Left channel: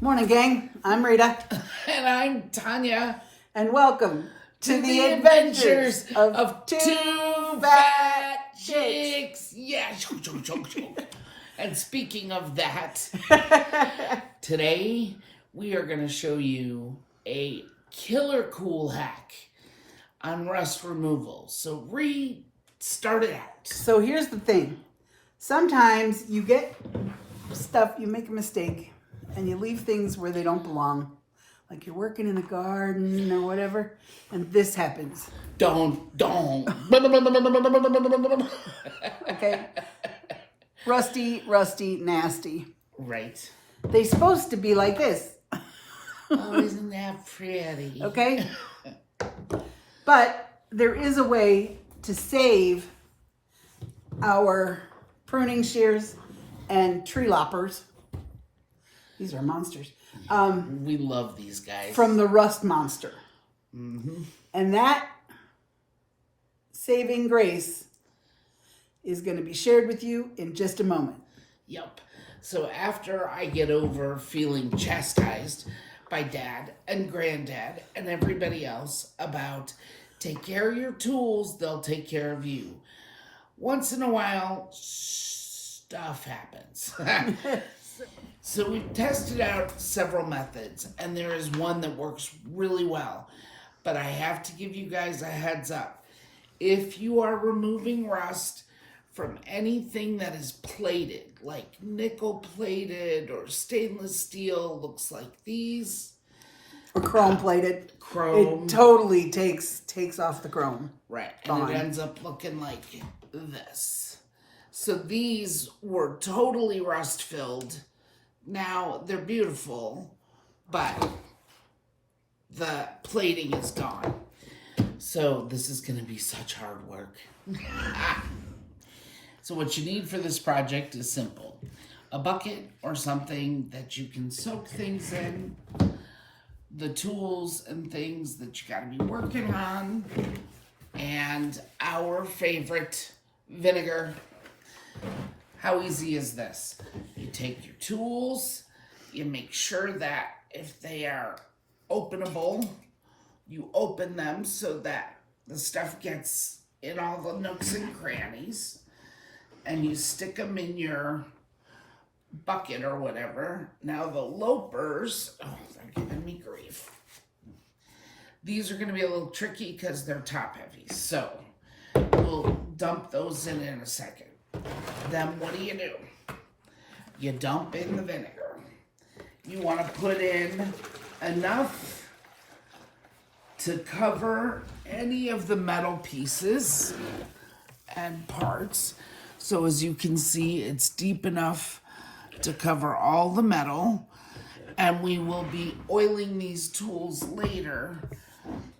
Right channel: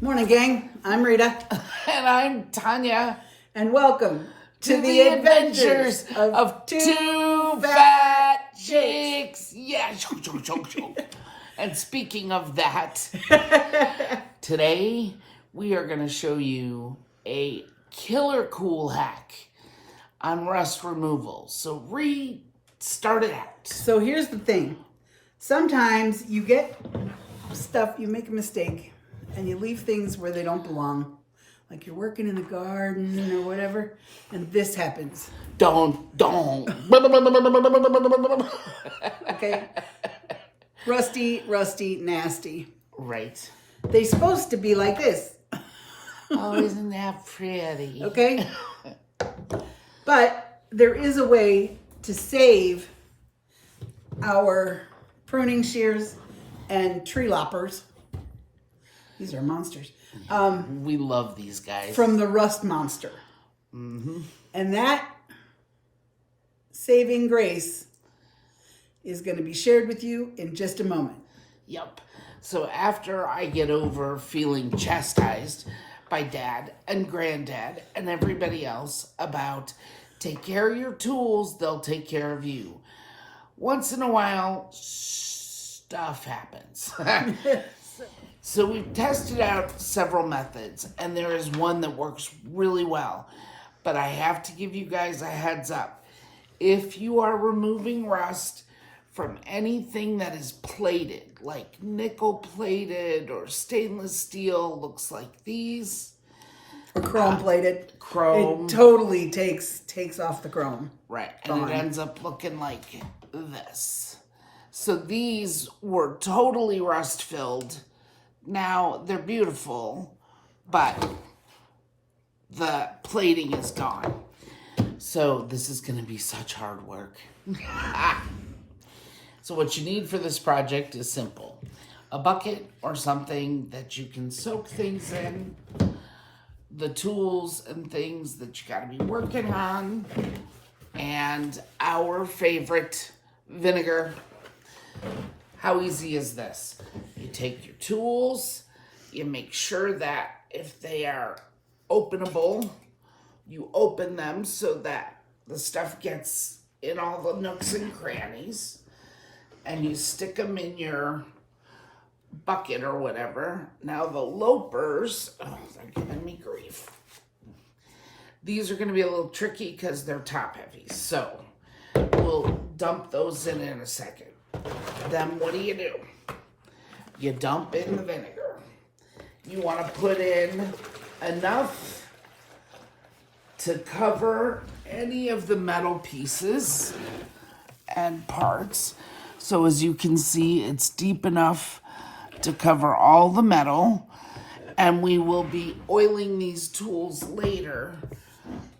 Morning, gang. I'm Rita. And I'm Tanya. And welcome to the adventures of two fat chicks. Yeah, choke. And speaking of that, today we are going to show you a killer cool hack on rust removal. So start it out. So here's the thing. Sometimes you get stuff, you make a mistake, and you leave things where they don't belong. Like you're working in a garden or whatever, and this happens. Don't. Okay? Rusty, nasty. Right. They're supposed to be like this. Oh, isn't that pretty? Okay? But there is a way to save our pruning shears and tree loppers. These are monsters. We love these guys. From the rust monster. Mm-hmm. And that saving grace is going to be shared with you in just a moment. Yep. So after I get over feeling chastised by Dad and Granddad and everybody else about take care of your tools, they'll take care of you. Once in a while, stuff happens. So we've tested out several methods, and there is one that works really well. But I have to give you guys a heads up. If you are removing rust from anything that is plated, like nickel plated or stainless steel, looks like these. Or chrome plated. Chrome. It totally takes off the chrome. Right. And it ends up looking like this. So these were totally rust filled. Now, they're beautiful, but the plating is gone. So this is going to be such hard work. So what you need for this project is simple. A bucket or something that you can soak things in, the tools and things that you got to be working on, and our favorite, vinegar. How easy is this? You take your tools, you make sure that if they are openable, you open them so that the stuff gets in all the nooks and crannies, and you stick them in your bucket or whatever. Now the loppers, they're giving me grief. These are going to be a little tricky because they're top heavy, so we'll dump those in a second. Then what do? You dump in the vinegar. You want to put in enough to cover any of the metal pieces and parts. So as you can see, it's deep enough to cover all the metal. And we will be oiling these tools later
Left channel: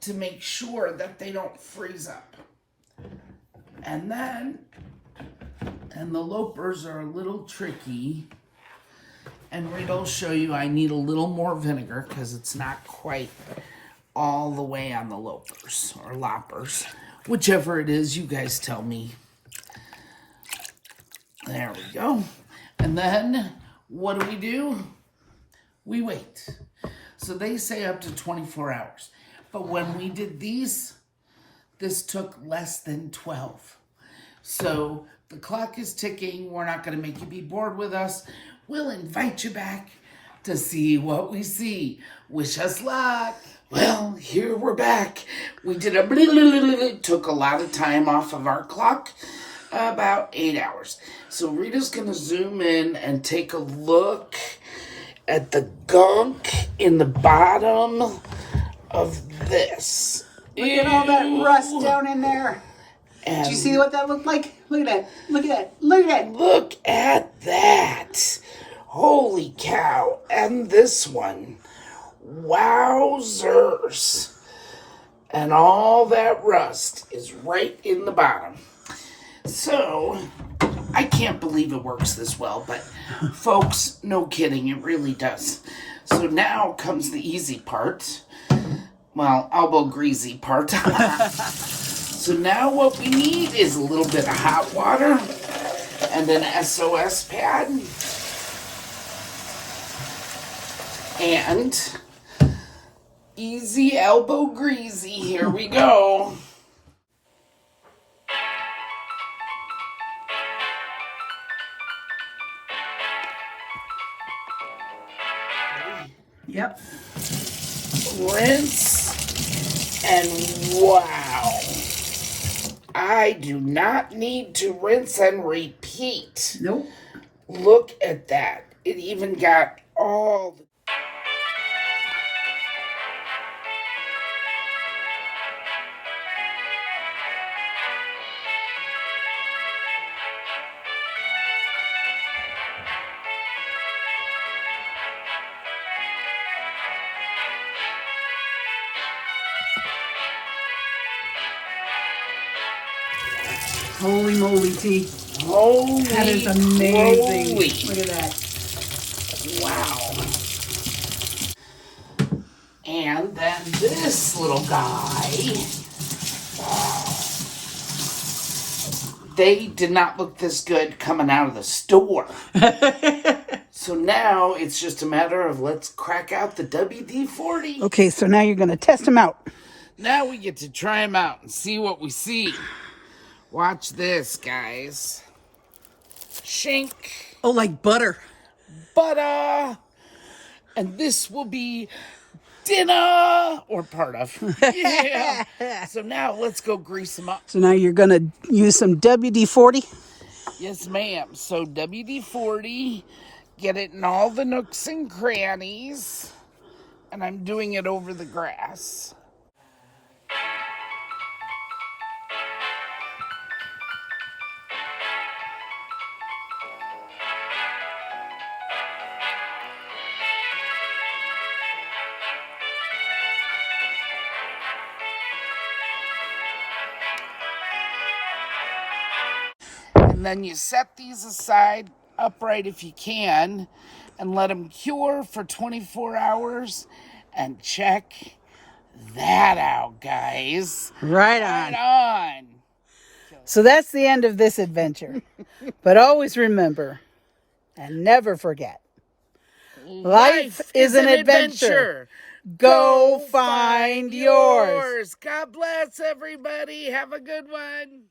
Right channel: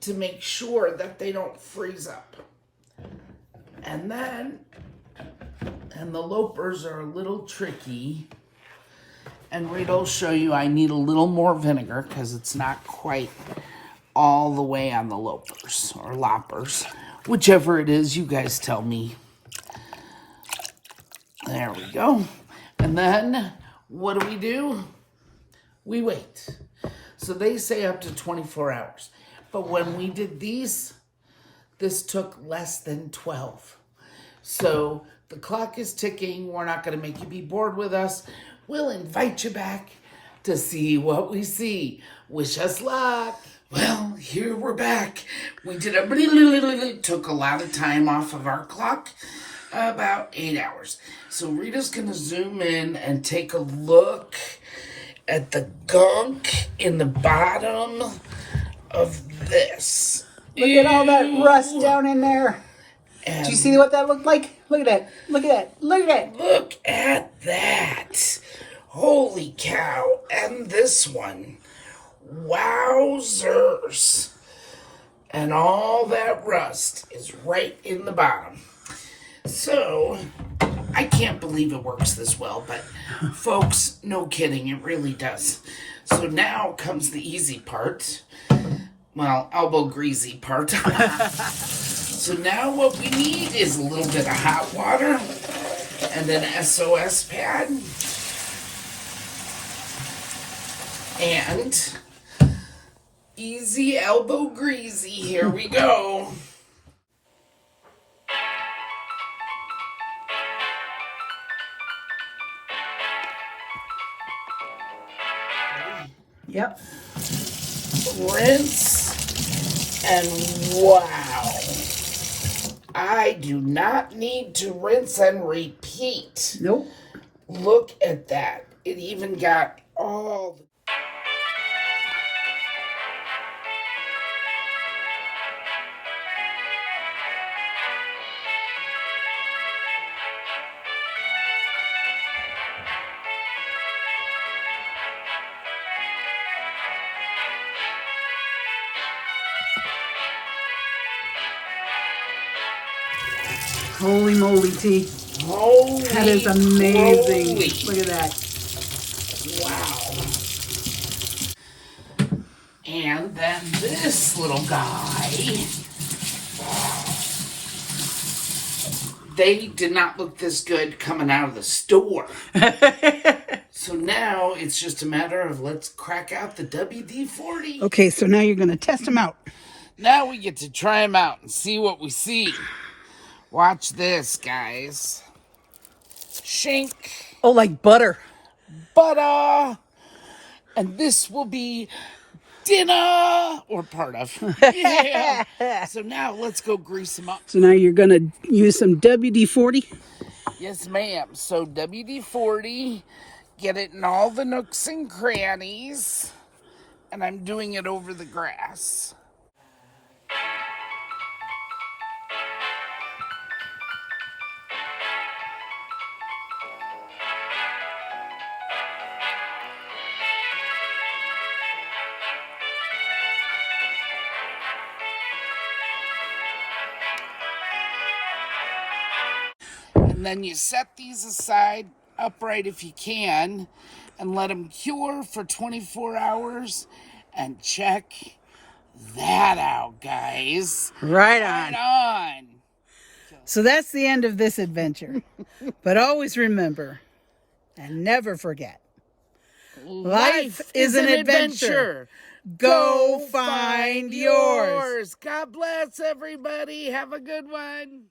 to make sure that they don't freeze up. And the loppers are a little tricky. And Rita will show you I need a little more vinegar because it's not quite all the way on the loppers or loppers. Whichever it is, you guys tell me. There we go. And then what do? We wait. So they say up to 24 hours. But when we did these, this took less than 12. So the clock is ticking. We're not going to make you be bored with us. We'll invite you back to see what we see. Wish us luck. Well, here we're back. We did it took a lot of time off of our clock, about 8 hours. So Rita's going to zoom in and take a look at the gunk in the bottom of this. Look at all that rust down in there. And do you see what that looked like? Look at that. Look at that. Look at that. Look at that. Holy cow. And this one. Wowzers. And all that rust is right in the bottom. So, I can't believe it works this well, but folks, no kidding, it really does. So now comes the easy part. Well, elbow greasy part. So now what we need is a little bit of hot water and an SOS pad. And easy elbow greasy. Here we go. Yep. Rinse, and wow. I do not need to rinse and repeat. Nope. Look at that. It even got all the... Holy moly, T. Holy That is amazing. moly. Look at that. Wow. And then this little guy. They did not look this good coming out of the store. So now it's just a matter of let's crack out the WD-40. Okay, so now you're going to test them out. Now we get to try them out and see what we see. Watch this, guys. Shink. Oh, like butter. Butter. And this will be dinner, or part of. Yeah. So now let's go grease them up. So now you're going to use some WD-40. Yes, ma'am. So WD-40, get it in all the nooks and crannies. And I'm doing it over the grass. And then you set these aside upright if you can and let them cure for 24 hours and check that out, guys. Right on. Right on. So that's the end of this adventure. But always remember and never forget, life is an adventure. Go find yours. God bless everybody. Have a good one.